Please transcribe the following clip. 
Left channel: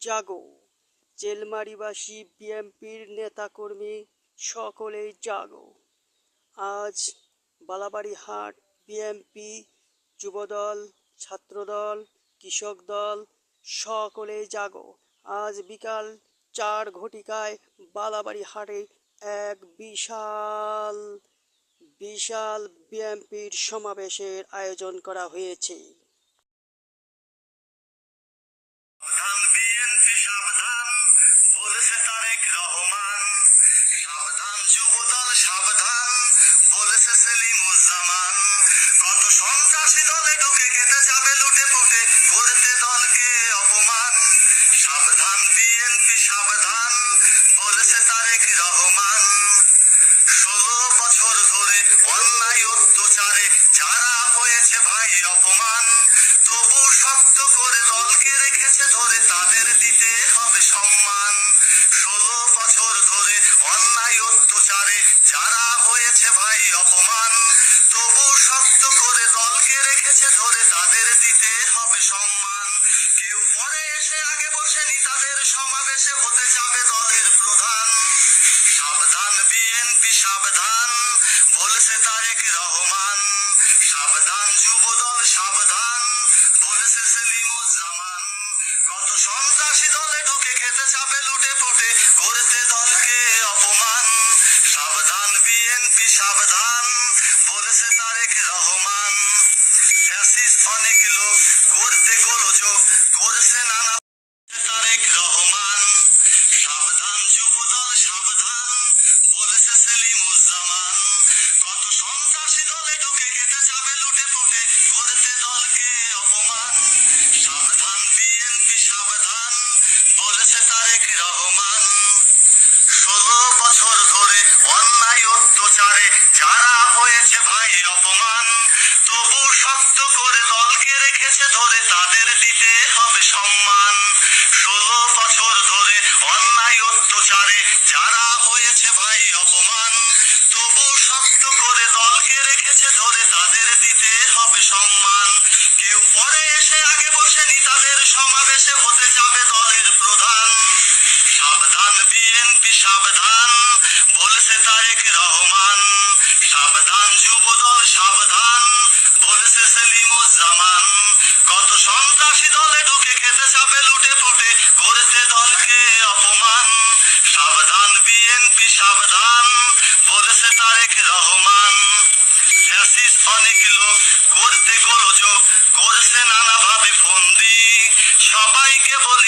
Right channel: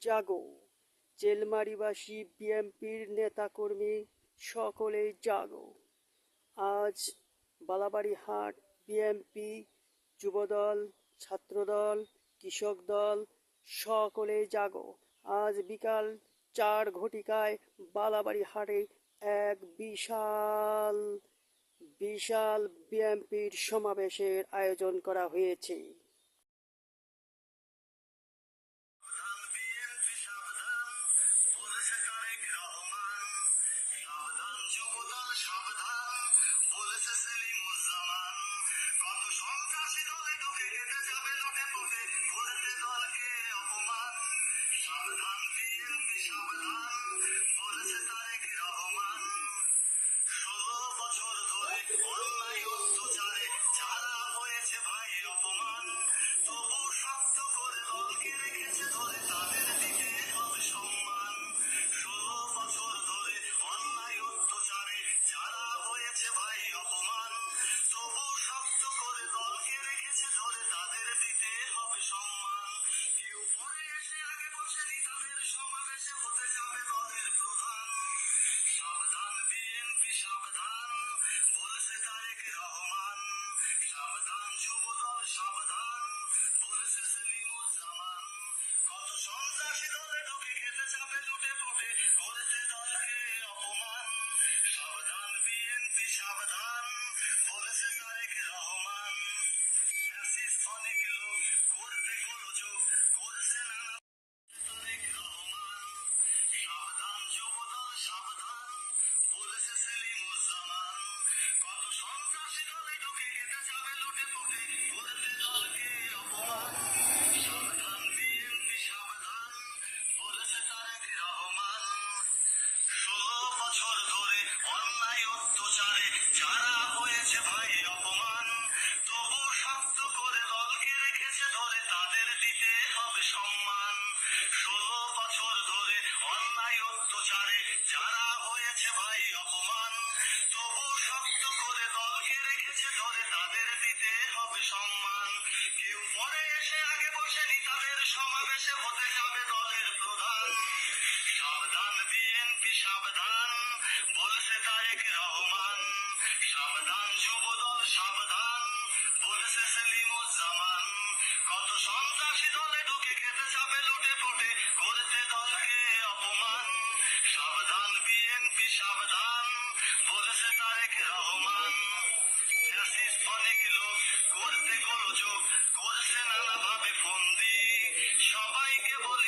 জাগো। চেলমারিবাসী বিএনপির নেতাকর্মী সকলেই জাগো। আজ বালাবাড়ীহাট বিএনপি যুবদল, ছাত্রদল, কৃষক দল সকলেই জাগো। আজ বিকাল 4 ঘটিকায় বালাবাড়ীহাটে এক বিশাল বিএনপির সমাবেশের আয়োজন করা হয়েছে। কত সন্ত্রাসী দলে ঢুকে খেতে যাবে লুটে পুটে করতে দলকে অপমান। সাবধান বিএনপি সাবধান বলেছে তারেক রহমান। 16 বছর ধরে অন্যায় অত্যাচারে যারা হয়েছে ভাই অপমান, তবু শক্ত করে দলকে রেখেছে ধরে তাদের দিতে হবে সম্মান। 16 বছর ধরে অন্যায় অত্যাচারে যারা হয়েছে ভাই অপমান, তবু শক্ত করে দলকে রেখেছে ধরে তাদের দিতে হবে সম্মান। কেউ পরে এসে আগে বসে নেতাদের সমাবেশে হতে যাবে দলের প্রধান। সাবধান বিএনপি সাবধান বলেছে তারেক রহমান। সাবধান যুবদল সাবধান বলেছে সেলিমুজ্জামান। কত সন্ত্রাসী দলে ঢুকে খেতে যাবে লুটে পুটে করতে দলকে অপমান। সাবধান বিএনপি সাবধান বলেছে তারেক রহমান। ফ্যাসিস্ট অনেক লোক করতে গোলযোগ করছে নানা তারেক রহমান। সাবধান যুবদল সাবধান বলেছে সেলিমুজ্জামান। কত সন্ত্রাসী দলে ঢুকে খেতে যাবে লুটে পুটে করতে দলকে অপমান। সাবধান বিএনপি সাবধান বলেছে তারেক রহমান। 16 বছর ধরে অন্যায় অত্যাচারে যারা হয়েছে ভাই অপমান, তবু শক্ত করে দলকে রেখেছে ধরে তাদের দিতে হবে সম্মান। 16 বছর ধরে অন্যায় অত্যাচারে যারা হয়েছে ভাই অপমান, তবু শক্ত করে দলকে রেখেছে ধরে তাদের দিতে হবে সম্মান। কেউ পরে এসে আগে বসে নেতাদের সমাবেশে হতে যাবে দলের প্রধান। সাবধান বিএনপি সাবধান বলেছে তারেক রহমান। সাবধান যুবদল সাবধান বলেছে সেলিমুজ্জামান। কত সন্ত্রাসী দলে ঢুকে খেতে যাবে লুটে পুটে করতে দলকে অপমান। সাবধান বিএনপি সাবধান বলেছে তারেক রহমান। ফ্যাসিস্ট অনেক লোক করতে গোলযোগ করছে নানাভাবে ফন্দি, সবাইকে বলে